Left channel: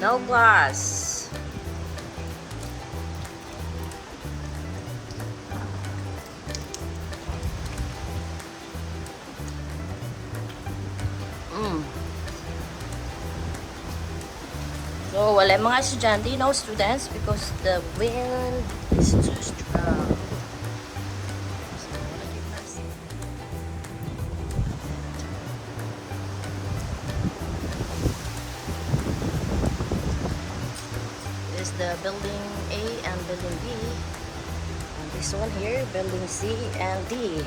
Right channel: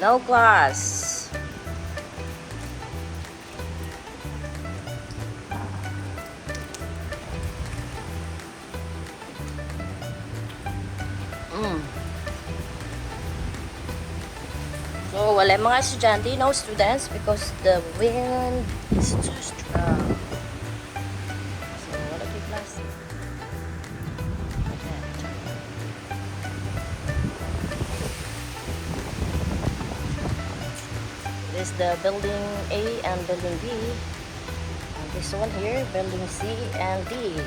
No class. So, wala mga estudyante, no students because the wind is too strong. So, wala kayo class. This is the building A and building B. And this one here, building C and D.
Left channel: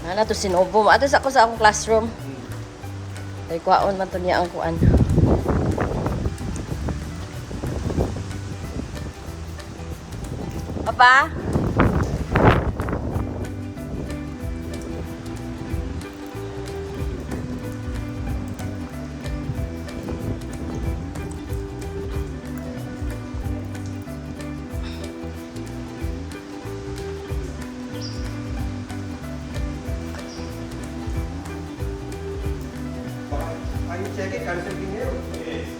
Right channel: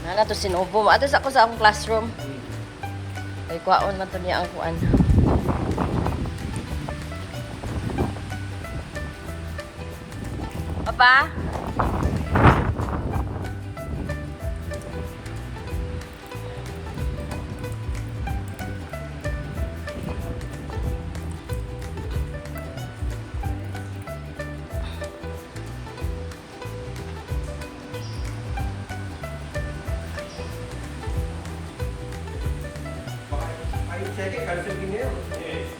Nana to sinubo. Ato sa ako sa akong classroom. Ay, kuhaon man to niya ang kuan. Papa?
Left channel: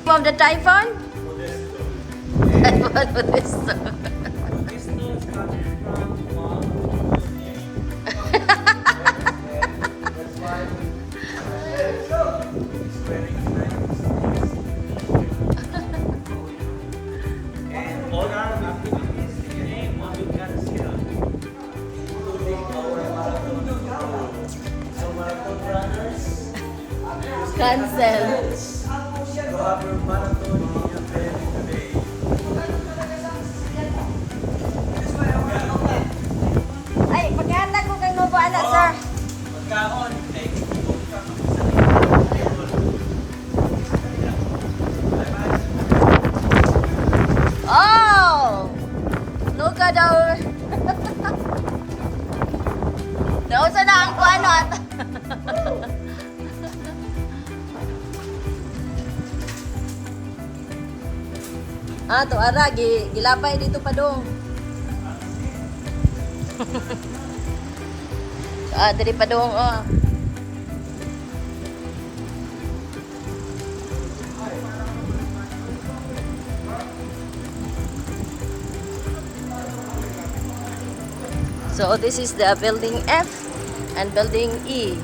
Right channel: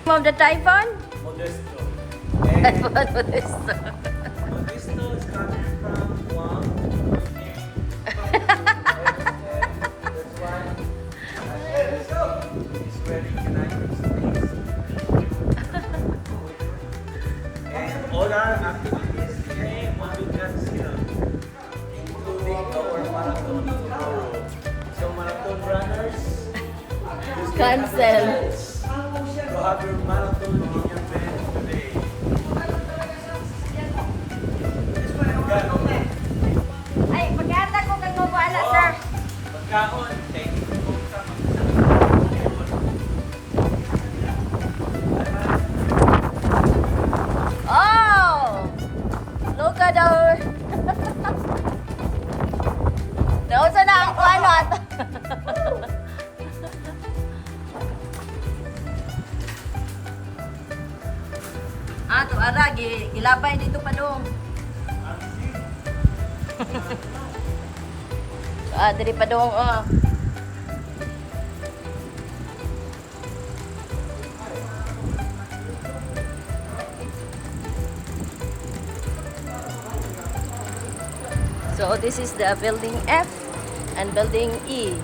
Of the typhoon? Modesto. Typhoon Modesto. Modesto is coming from Guam. That's why he's wearing United States. And all our activities today, mabigat sila. Including our marathon tomorrow. So marathon runners, Cancel. to have your marathon in your bed today. Ay, pagkanta ko kay Mobo ana, sir. Kaon. Oh! Look at our... Nausa na ang kuano at... Ah, to ara, gilabay dito pa dong. Diri pa dong, oh. So this is the building F and building E.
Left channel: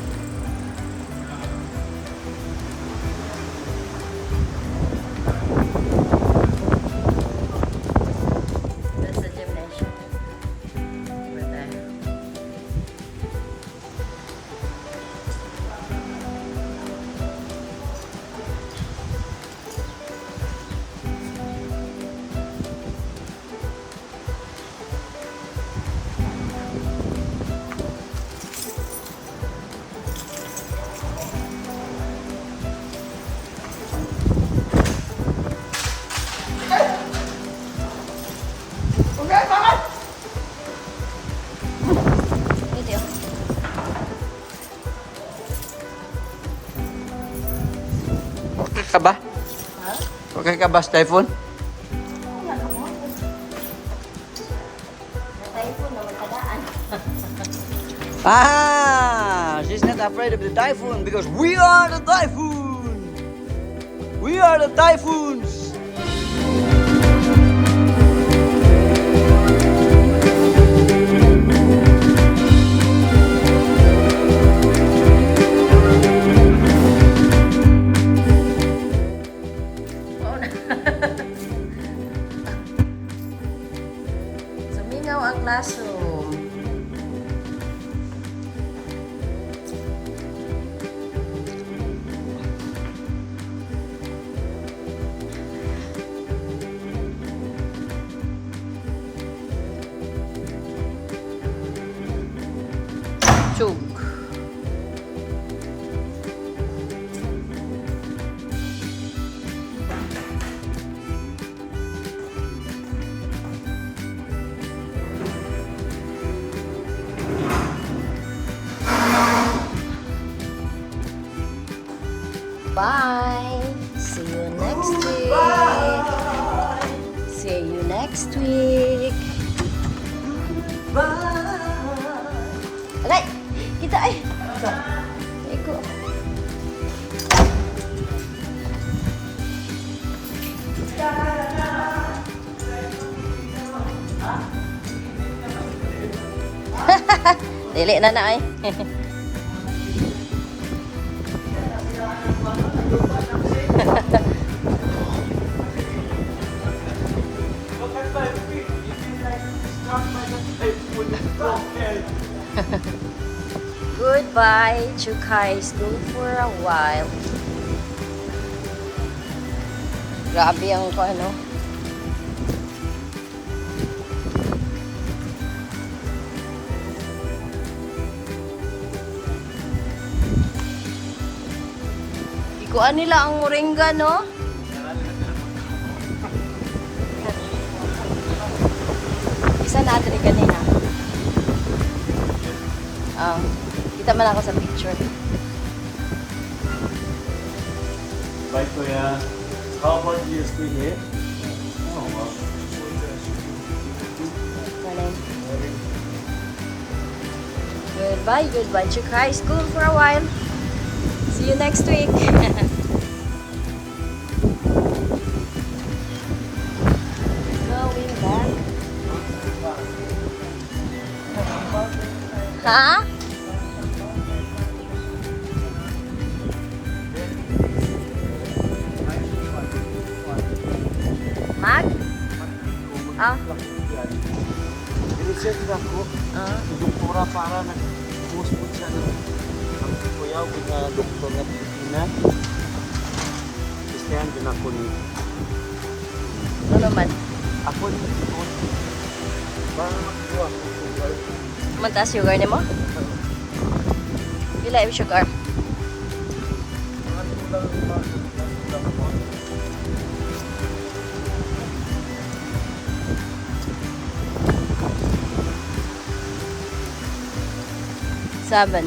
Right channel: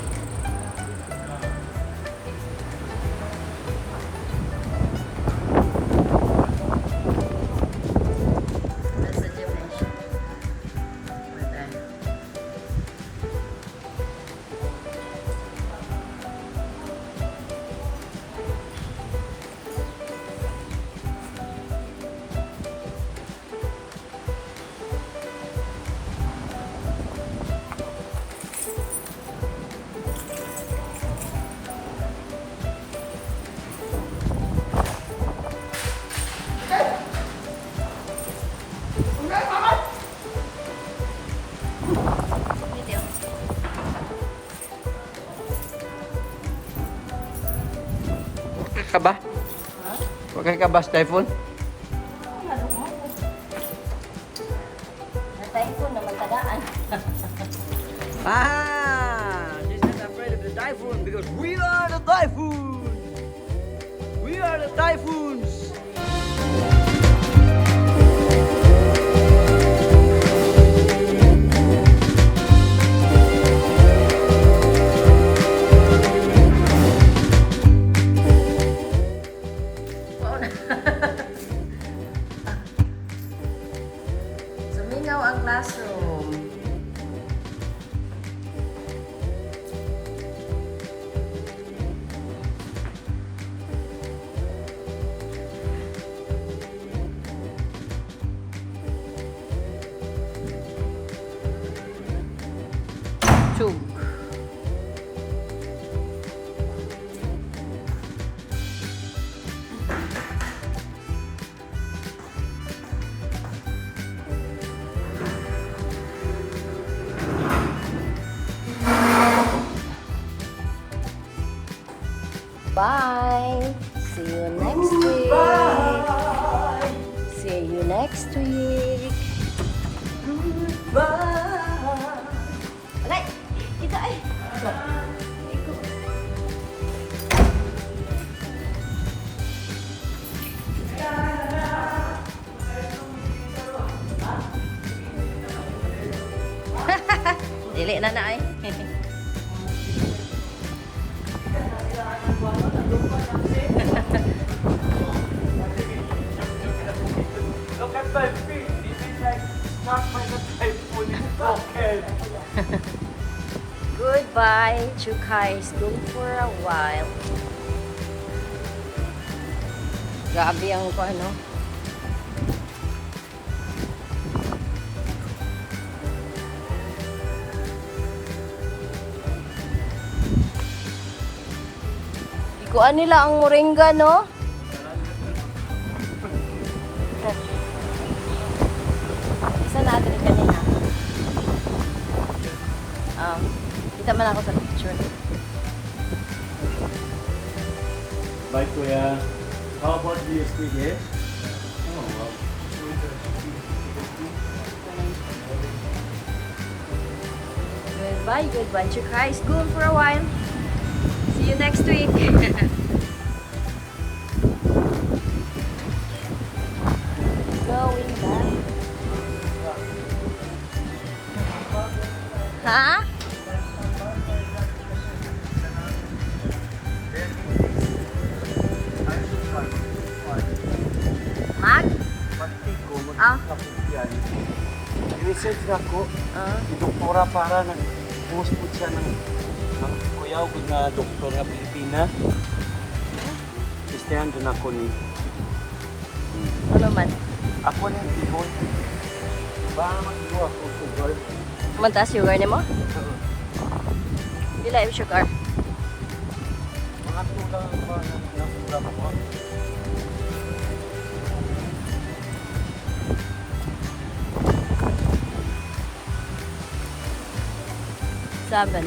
That's the gymnasium. Over there. Dito. Okay ka ba? Okay ka ba, Typhoon? Typhoon naman tagaan. She's not afraid of the typhoon because we are the typhoon! We are the typhoons! Sumingaw ang classroom. Chug. Bye. See you next week. See you next week. Bye. Alay, kita ay. Iko. Dili na na ay. Goodbye, Chukai School for a while. Grabe ang ko ano. Ikuan nila ang moringa, no? Isa natin ni kanina. Kita man ako sa picture. Bye, Kuya. How about do you speak here? Oh, wow. Goodbye, goodbye. Chukai School for a while. See you next week. Going back. Ha? Mag? Ah? I-research lang po. Ah? Doktora para na post-post siya. Kuya, kung na doktor na Pilipinas. Christian, doon ako ni. Ano man? Ako yung tipo. Bago ako sugar. Mantaas sugar ni mo? Pila yung sugar? Seven.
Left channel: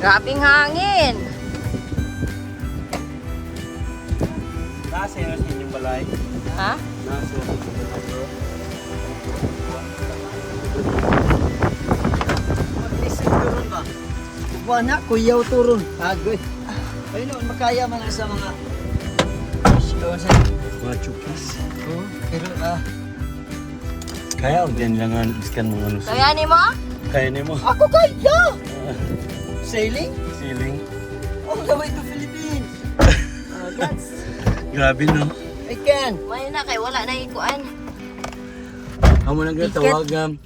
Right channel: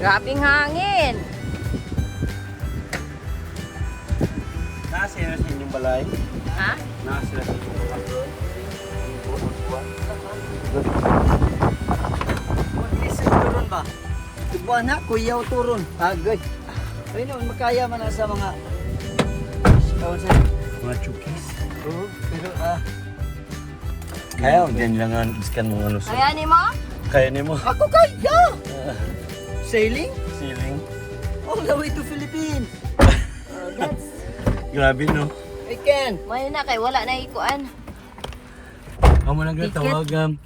Grabing hangin. Nasa yun sa inyong balay. Ha? Nasa. Anak, kuyaw turun. Agay. Ay naman, makaya man na sa mga... Mga chukis. Oo, pero Kaya din lang ang iskan mga ano. Kaya ni mo? Kaya niyo mo. Ako kaya! Sailing? Feeling. All the way to Philippines. Oh, that's... Grabe no. I can. May na kay wala na ikuan. Amo nang Ticket. tawagam.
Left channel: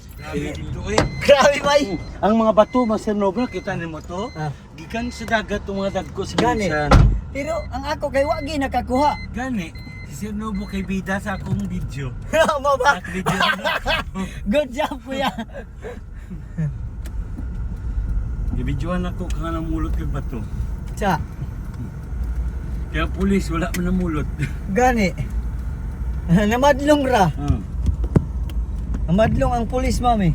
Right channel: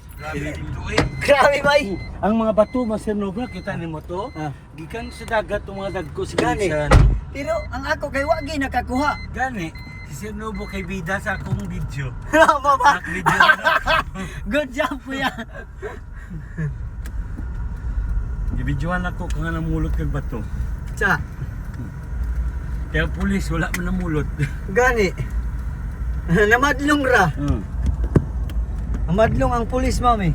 Grabe ba eh? Ang mga bato masinobre kita nimo to. Ah. Gikan sa dagat ang mga dagko sa Gani. ginsan. Pero ang ako kay wagi nakakuha. Gani. Si Sinobo kay bida sa akong video. Tama ba? Nak-video na. Good job kuya. Gibidyohan ako kang namulot kag bato. Sa, Kaya pulis wala man namulot. gani. Namadlong ra. Namadlong ang pulis, mami.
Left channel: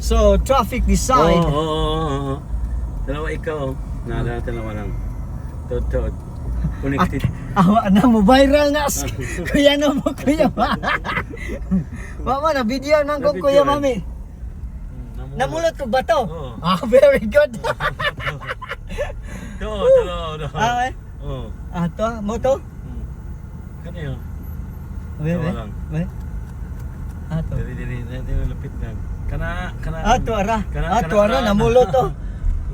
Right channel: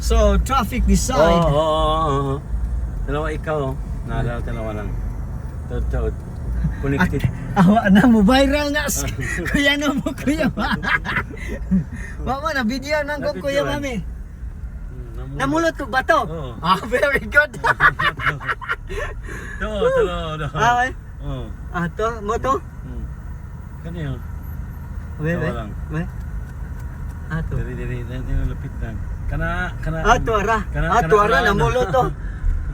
So, traffic this side. Oo. Dalawa ikaw. Naalala dalawa lang. Totoo. Connected. Awa na mo, viral na. Kuya no mo, kuya ma. Mama, na video nang kong kuya mami. Namulot ko ba to? Oo. Ah, very good. To. Ah, Oo. ah, to, mo to? Kaniyo. Wait, Tawa wait, lang. wait. Ah, to. Dili lapit lang. Kana. Ah, tuara. Ah, tuara, namulot to.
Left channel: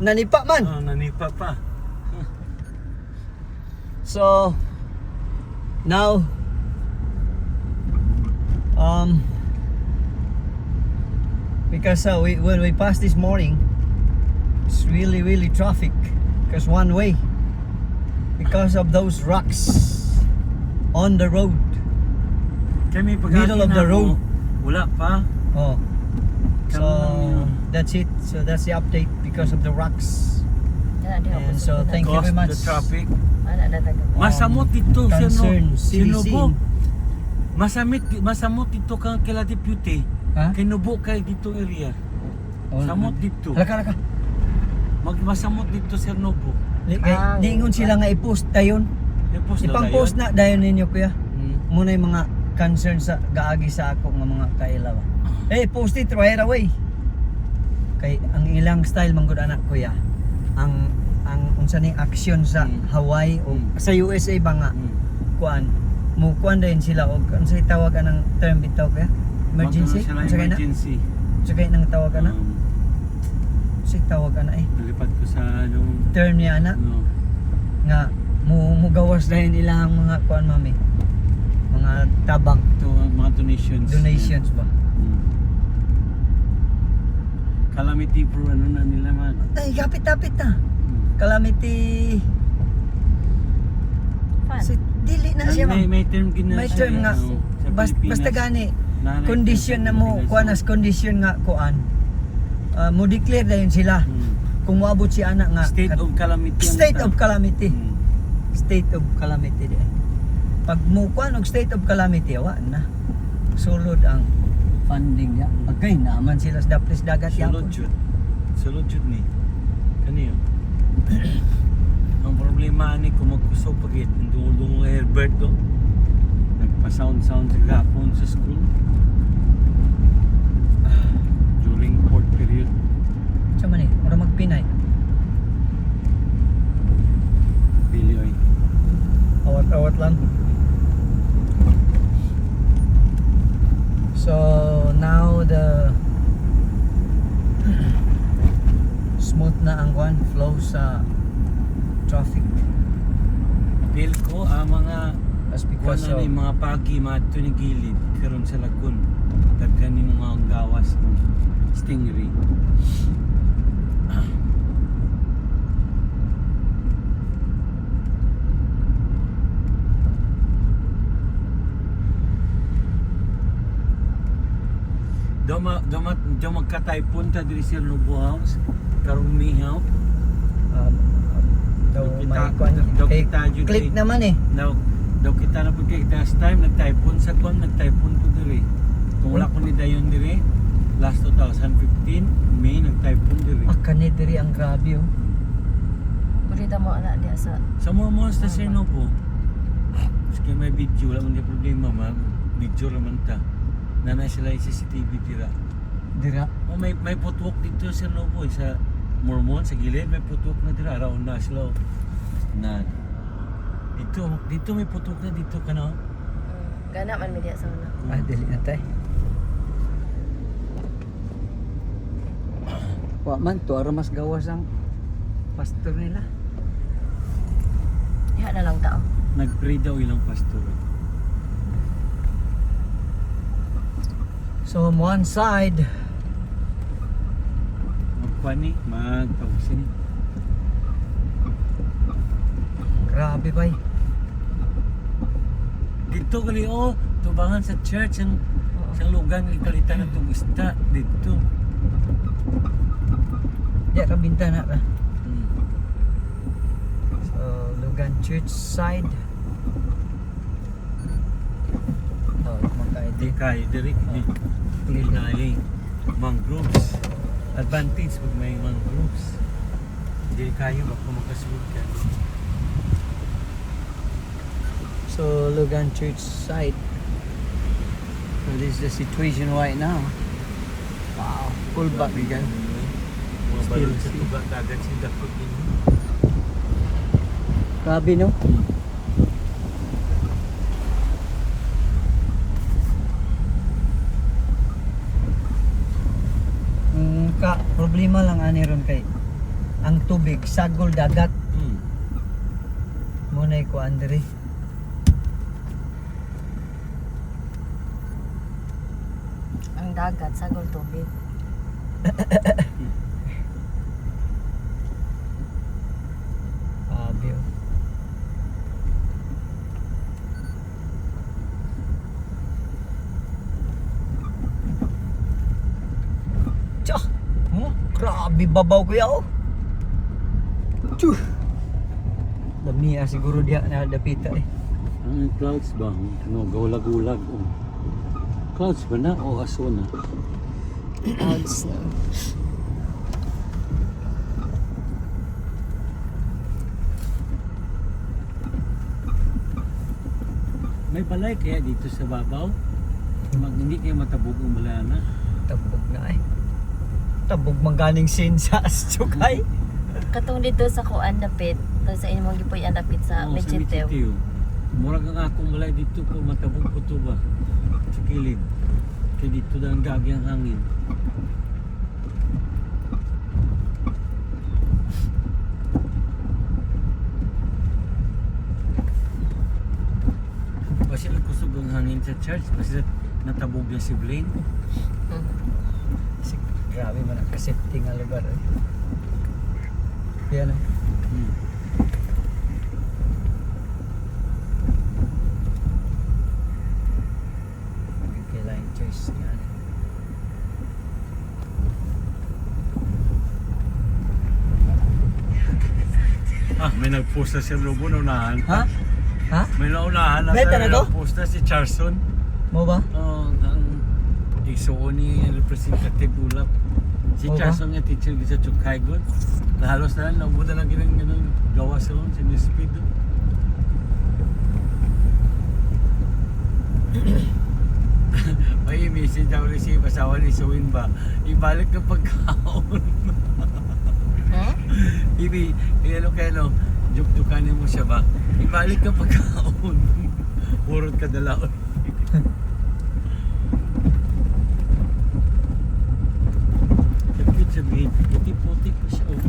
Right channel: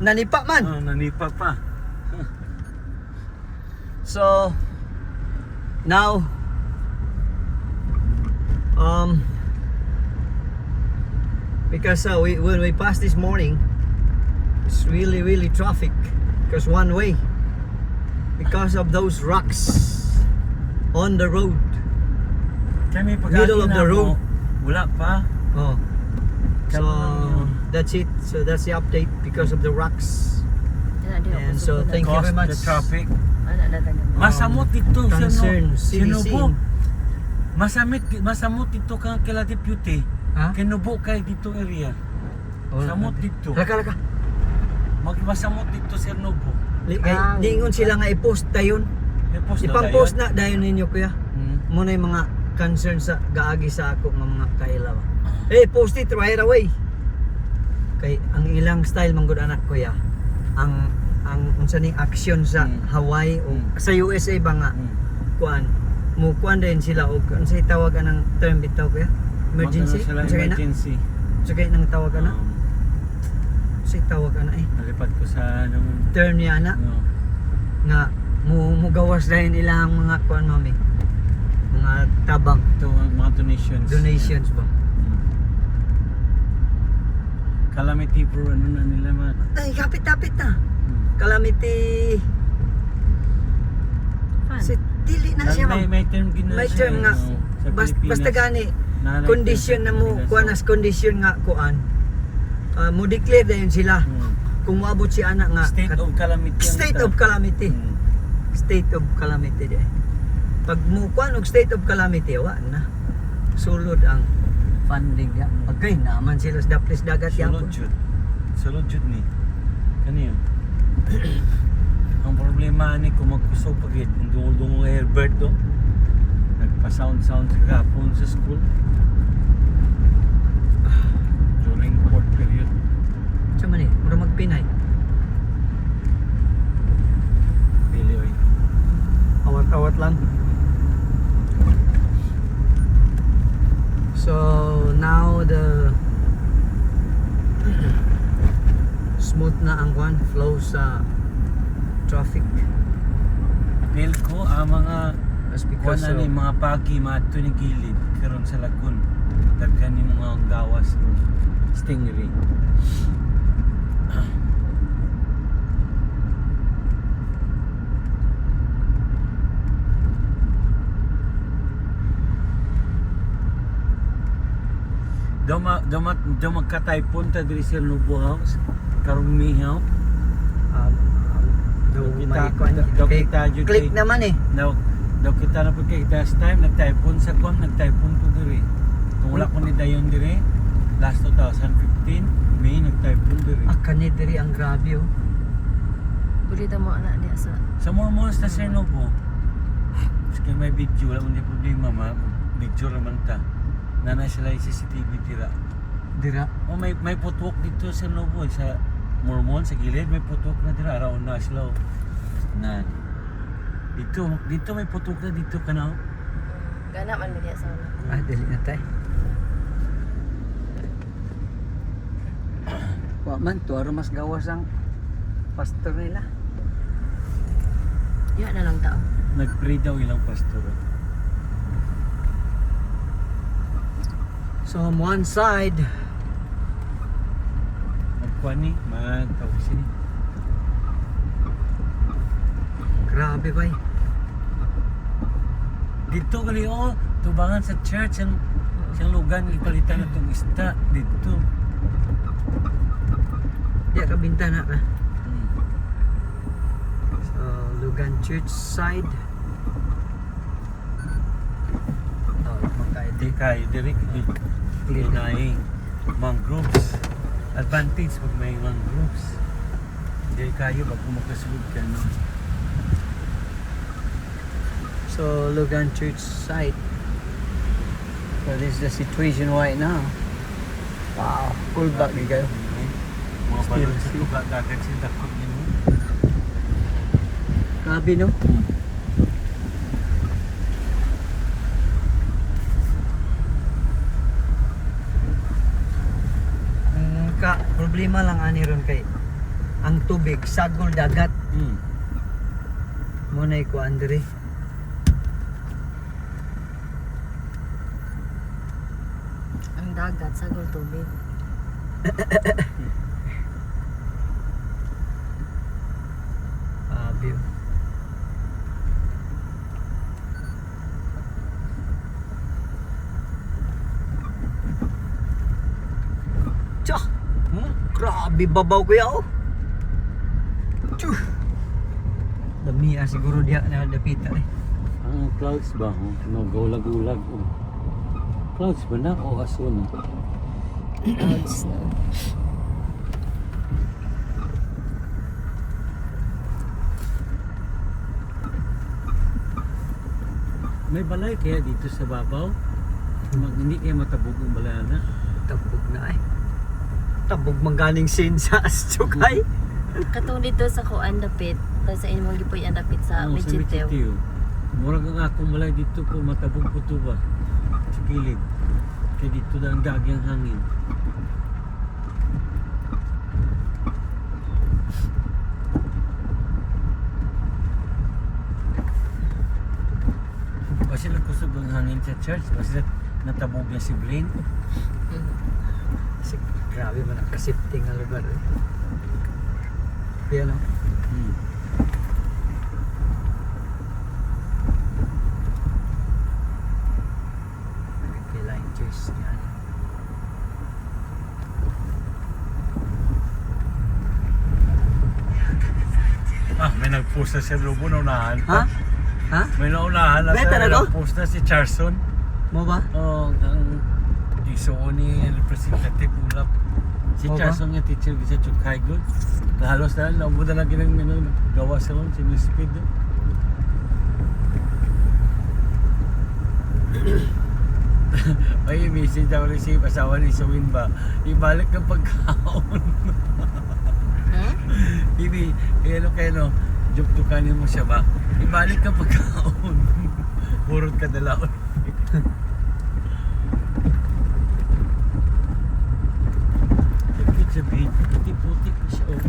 Nanipa man. Nanipa pa. So now because when we passed this morning, it's really traffic because one way because of those rocks on the road. Kami Middle of the road. Wala pa. Oh, so Kamu- that's it. So that's the update because of the rocks. Yan, di ako And so susunod. thank you very much. The traffic. Wala na taga. Masamot dito concern, Sinubo. CBC. Masamot dito kang kila deputy. Ha? Kinubo kay dito area. Oh, Samot dito. Laka. Masamot dito sa Nobo. Diingon sila nga i-post tayon. Ipang-post na dayon ninyo kuya. Muna yung mga concern sa gaagi sa ako ng mga kaila ba. Hey, post it right away. Kay ang ilang style manggod anak kuya. Ang unsa ning action sa Hawaii o sa USA ba nga kuan mo kuan din sila og unsay tawag anang term bitaw kuya? Emergency? Sila Unsa kay na? emergency. Unsa kay nang tawag ana? Unsay tawag ana eh? Nalipad ko sa anong Term niya ana no. nga mugawas dahil ilang mga kuan mami. Mga tabang Ito mga donations. ba? Calamity pro ano na nila man. Ay, kapit-kapit na. Calamity. Fun. Dili na siya ma'am. May term gina May siya, term nga. sa Basta Pilipinas. gani. Nanay Condition na term sa mo, Pilipinas, kuan as condition nga kuan. Mo declare dayon sila. Kung moabot si anak nga State of calamity. ang state ta- of calamity. Hmm. State of calamity di. Pag mo kuan og state of calamity wa na. Sulod ang funding ya. Okay naman sila sa daplis dagat yang. Sulod jud ni. Kaniyo. Ang problema ni kung magkusog pagit yung dungol Herbert do. Nagpa-sound sa gapon sa school. During court period. Sa man eh, para magpinay. Really, oy. Awat-awat lang. So now the smooth na ang kwan flow sa traffic. Feel ko ang mga That's kuan because na ni of mga pagi mato ni gilid karon sa lagun. Daghan ni mga gawas ng stingray. Daw magka-typhoon ta diri sa Lubo House karong mihaw. daw Kita- may kwan. daw Kay kita jud click kay- naman eh. Daw kita na pagka last time nag-typhoon sa kwan, nag-typhoon ko diri. Kung wala ko ni dayon diri last 2015 May nag-typhoon diri. Kani diri ang grabe oh. Bulita mo ana diya sa Sa Mormons ta sa Novo. Sige may video wala man di problema ma. Video raman ta. Nana sila yung CCTV tira. Dira. Oh may putwok dito sa Novo sa Mormon sa gilid may putwok na tira around na sila. Oh. Na dito may putwok na dito kana. Oh. gana man mi diya sa una. Dili na tay. Wa man to ara mas gawas ang pastor nila. Diya na lang tao. Nag-pray daw ilang pastor. So on one side, Magkwani, magtausin. grabe bay. Dito gali oh, tubangan sa church ang siyang lugan ipalitan na itong isda dito. Diya ka bintana ra. Hmm. So Lugan Church side. Oh, Di makaidi. kayo diri Clear na. na mangroves. Advantage pag may mangroves. Di kayo pag kumakasunod ka. So Lugan Church side. So this is the situation right now. Wow, full back ni kayo. Mga Still, balot sa still. tuba kagad sa dakot ninyo. Grabe no? Problema lang ani ron kay ang tubig sagol dagat mo na ko Andre. Ang dagat sagol tubig. Abyo. Tsa! Grabe babaw kuya oh. Tsuh! Dami siguro dia na dapita eh. Ang clouds ba? Nagagulag-ulag. Clouds ba na o aso na? Clouds na. May balay kaya dito sa babaw? Hindi kaya matabog ang balana? tabog na eh. Tabog mangganing sin sa Chukay. Katong dito sa kuan dapit, sa imong gipoy ang dapit sa Oo, Medjitew. Medjitew. Murag nga akong malay dito ko matabog ko to ba sa kilid. Kaya dito na ang gagyang hangin. Kasi nagkusog ang hangin sa church kasi natabog niya si Blaine. Kasi grabe man ang kasipti nga lugar eh. Yan o. Hmm. Nagkila yung church yan. May nag-post na si Lobo na unahan Ha? pa. Ha? May naunahan na Benta na to? nag-post na si Charson. Mo ba? Oh, ang isuo ni representative Ulap. Si Oo ba? Charson nga teacher sa Chukay good. Halos na nabuda na ginang gawa sa lon si Miss Speed. Ay, message daw receive asawa ni Suwin ba? Ibalik ang pagkaon. Hmm? Ibi, ano kayo no? Juk-jukanin mo siya ba? Ibalik ang pagkaon. Purot ka dalaon. Ibig sabihin, puti-puti pa siya oh.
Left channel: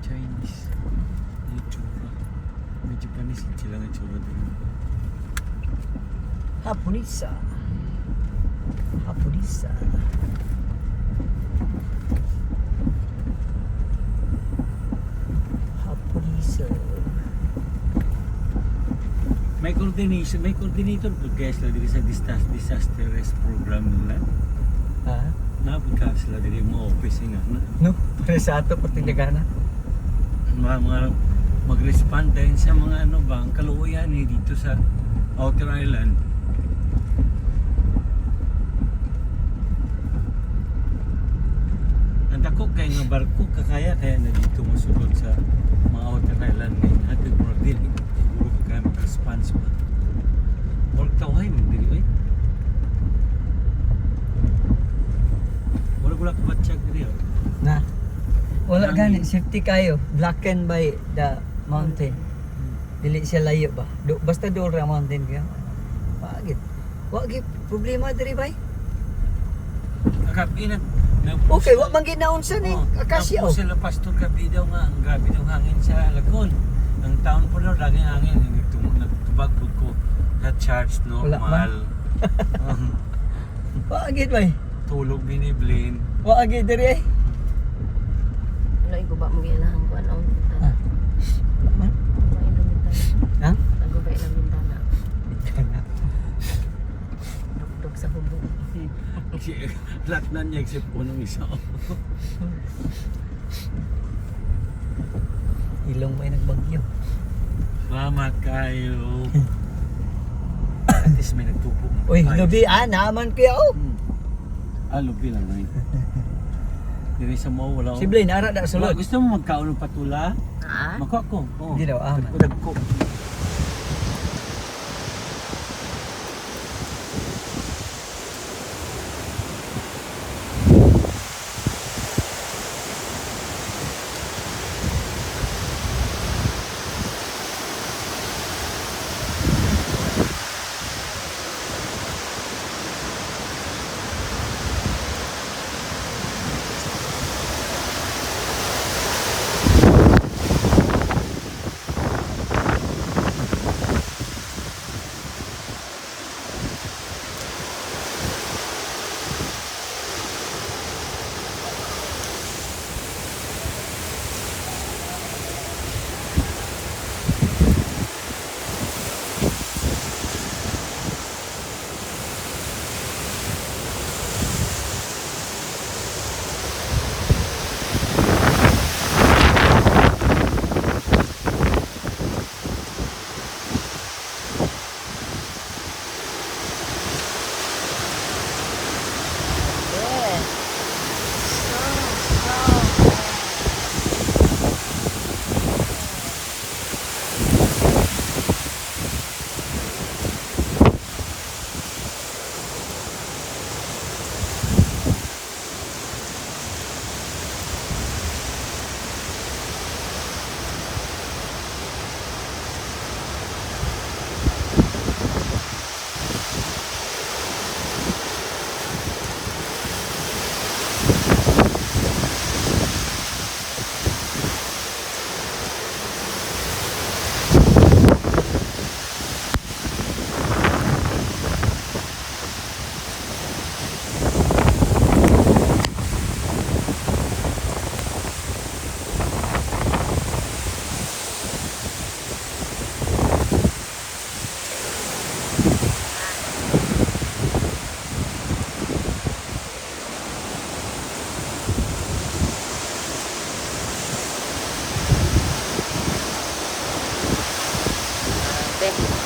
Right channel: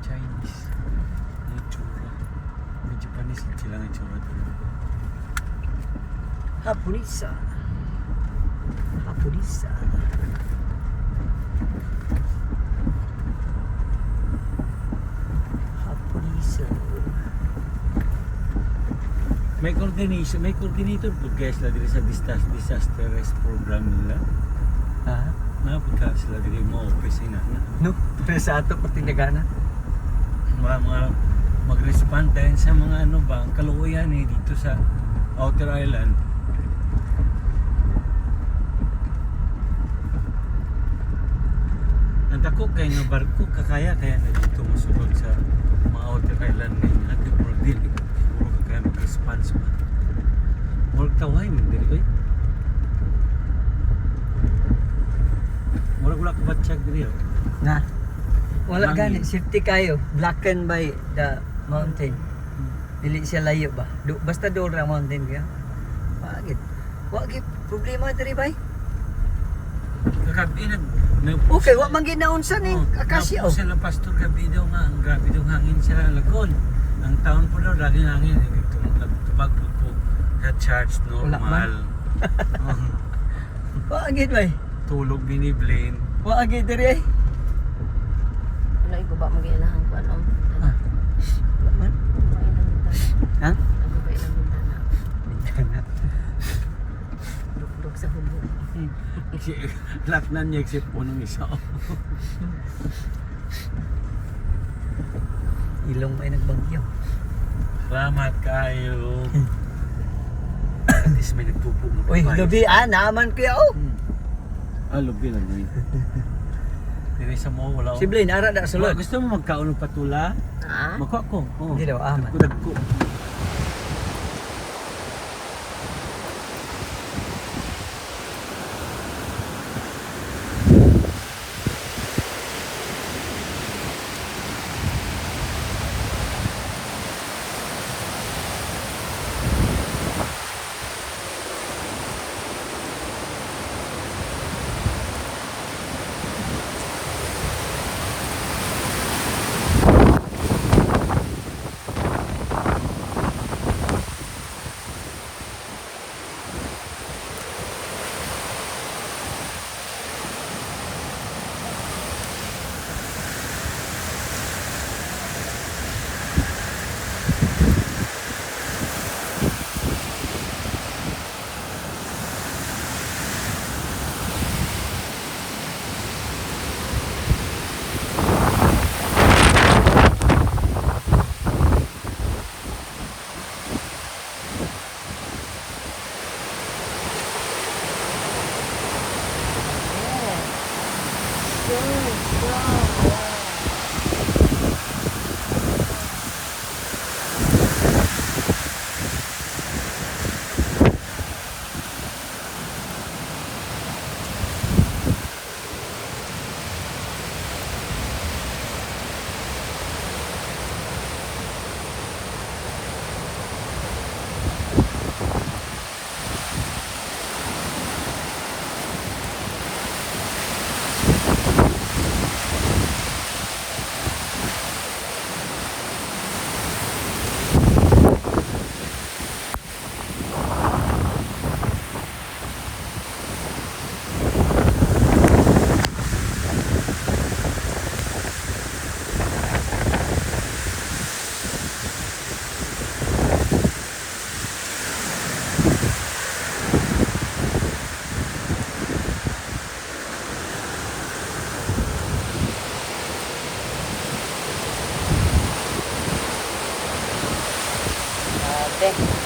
Chinese. Yung tsura. May Japanese sila ng tsura doon. Hapunisa. Hapunisa. Hapunisa. May coordinator po kaya sila diri sa disaster rest program nila. Ha? Napagka sila diri mo office nga na. No? Para sa ato pati nagana. Mga mag-respond tayo sa mga ano ba, ang kaluuyan eh dito sa Outer Island. Ang dako kay nga barko kakaya kaya na dito masulod sa mga Outer Island ngayon. Ate puro dili, puro kaya mag-response pa. Murag taway mo dili eh. Murag wala ka ba check diri oh. Na. Wala Lagi. gani, safety kayo. Blackened by the mountain. Dili siya layo ba? Basta doon ra mountain ka. Wagit. Wagit problema diri bay. Kagabi Okay, wa man ginaunsa ni akasya oh. Sila pastor gabi daw nga, ang grabe daw hangin sa Lagon. Ang taon po daw laging hangin. Nagtubag ko sa church Wala man. normal. Wagit bay. Tulog bini Blaine. Wagit diri ay. Wala iguba mo gilahan kuan ang bintana. Man. Guba ilang bintana. Ha? Naguba ilang bintana. Bintana. Dugdug sa hubo. Lahat na niya except po nung isa. Ilong may nagbagyo. Salamat kayo. At least may nagtupo. Uy, lubi naman kuya oh. Lubi lang eh. Diri sa mo wala. Si Blaine ara na sulod. Gusto mo magkaon ng patula? Ah? Makuha ko. Oh. Hindi daw, Dagko. kape.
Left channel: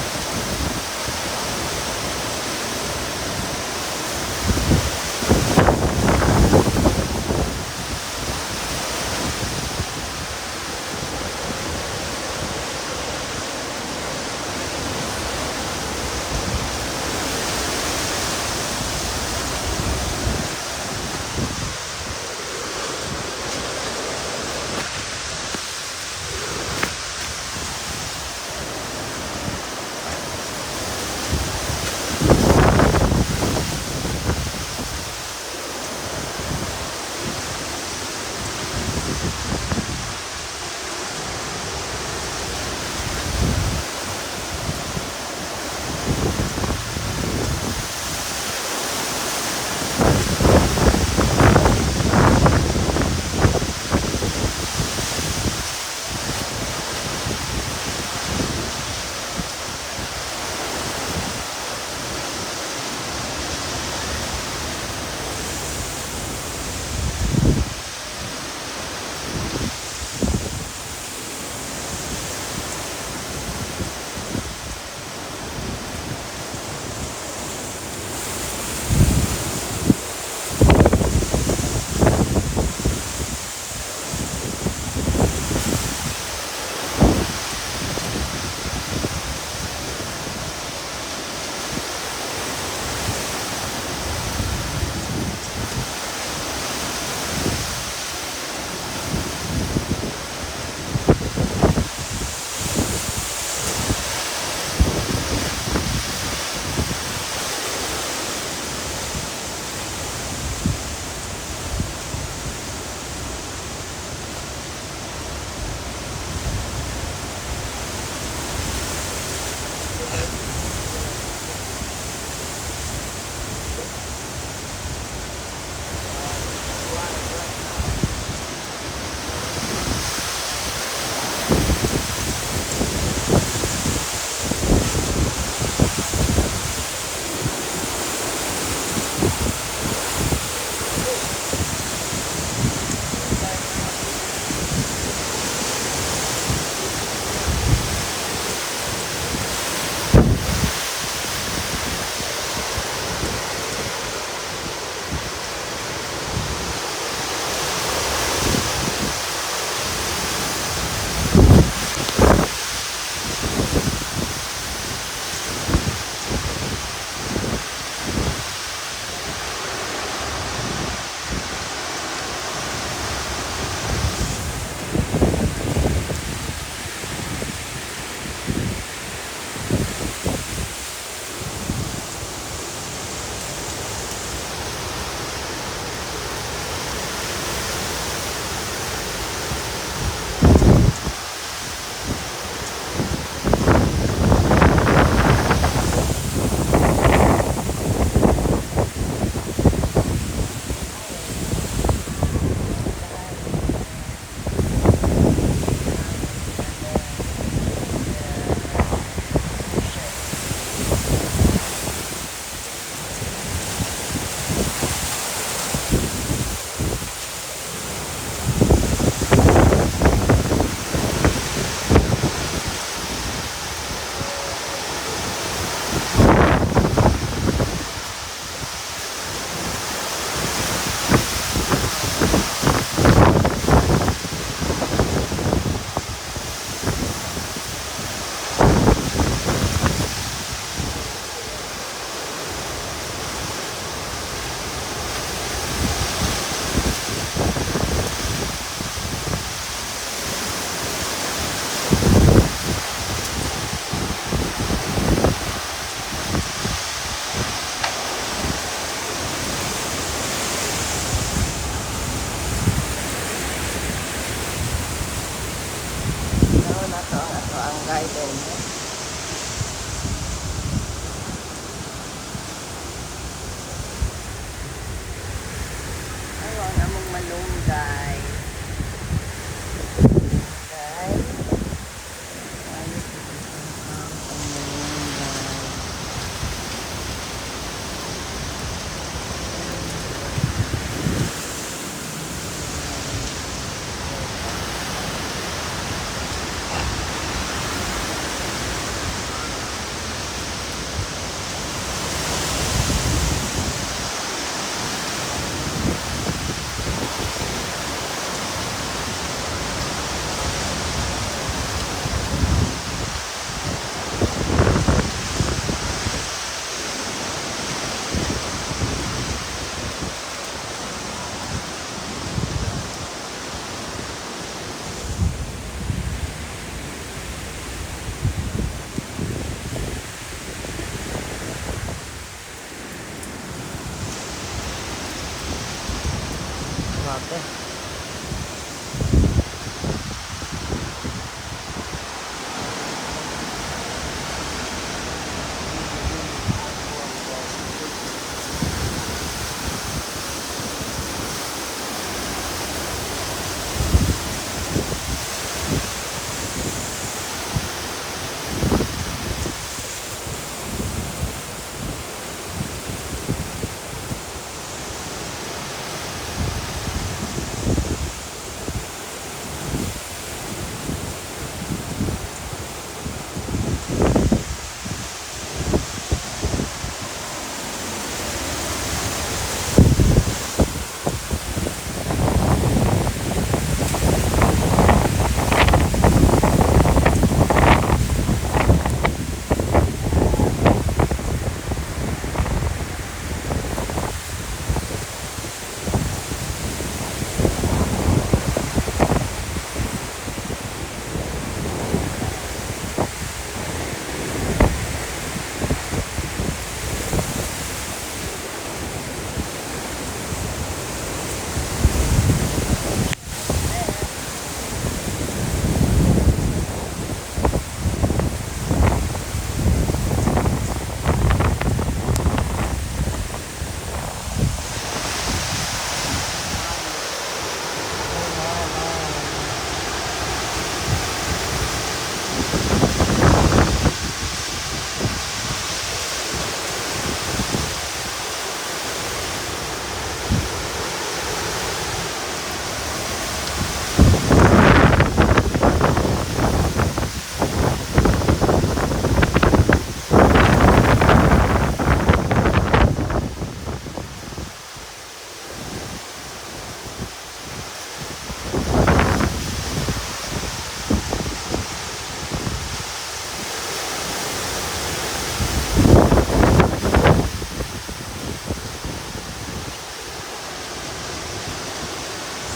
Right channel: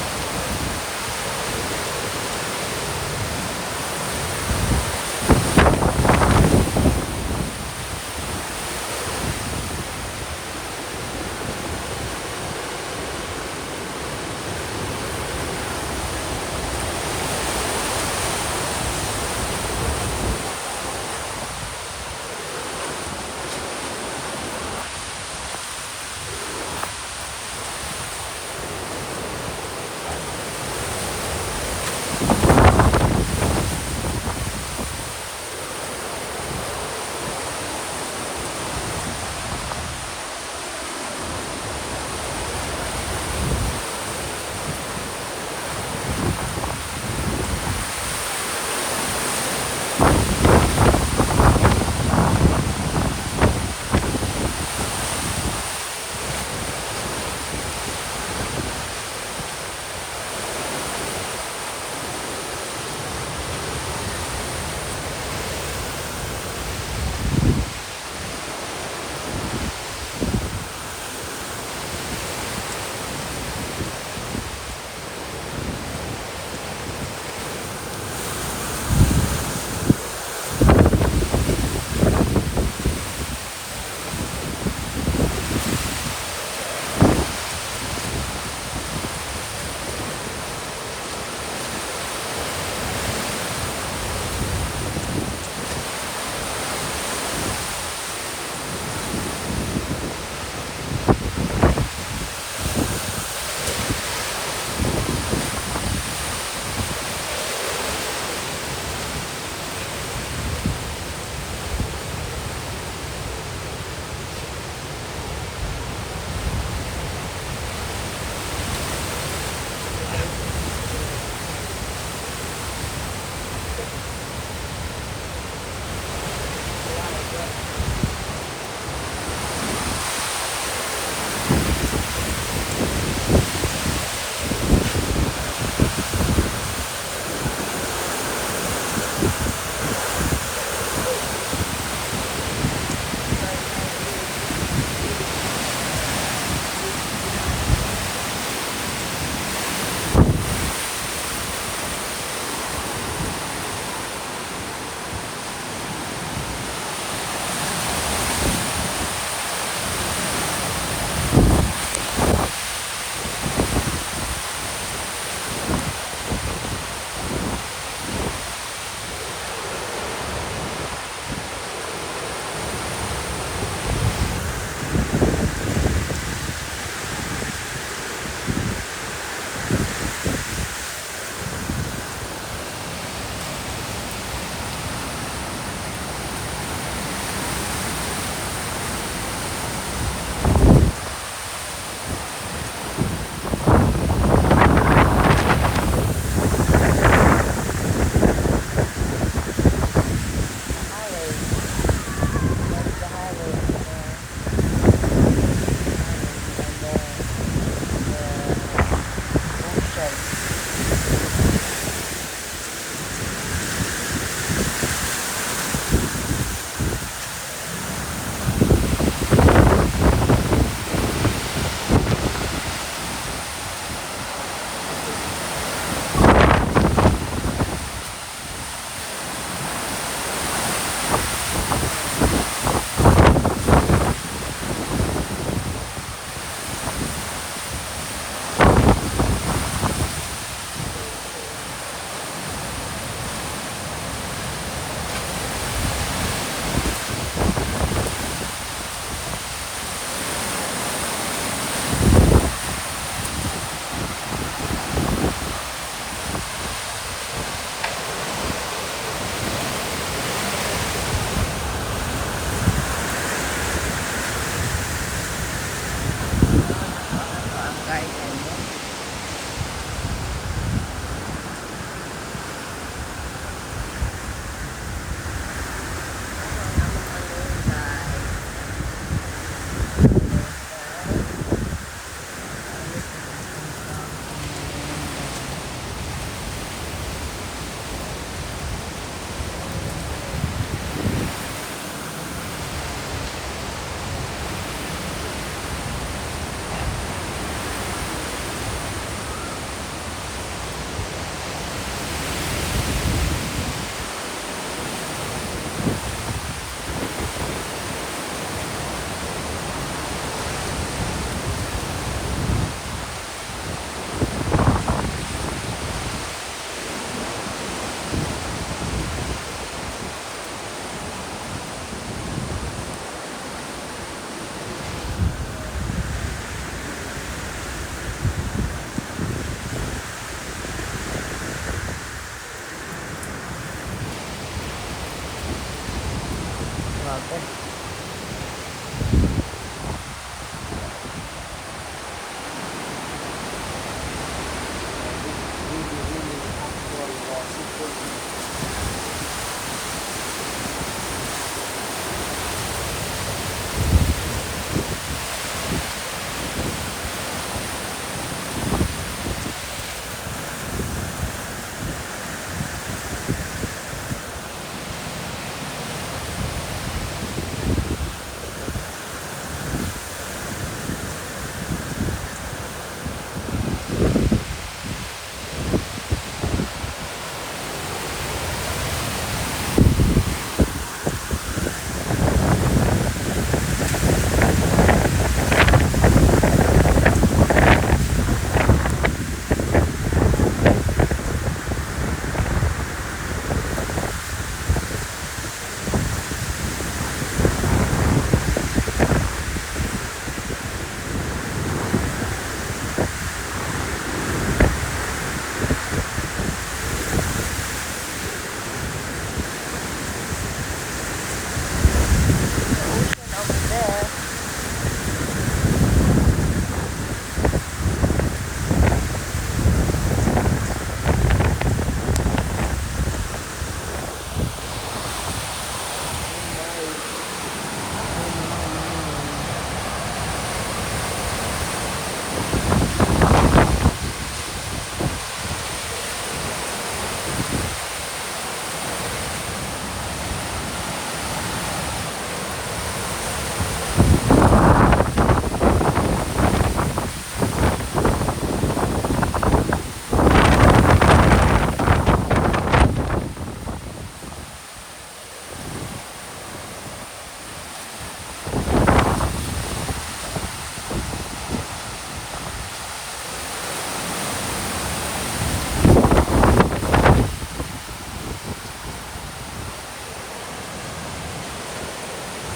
Grabe.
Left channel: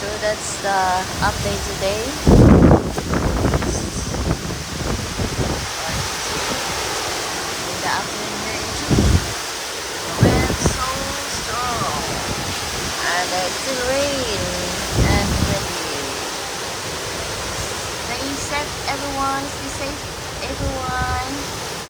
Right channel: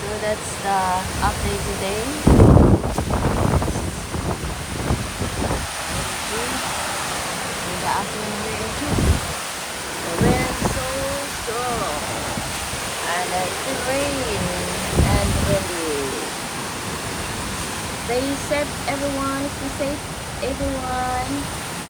So that's the update today. In the afternoon very too. The wind so strong. And it's still rain and windy. Stay safe everyone. Stay safe everyone.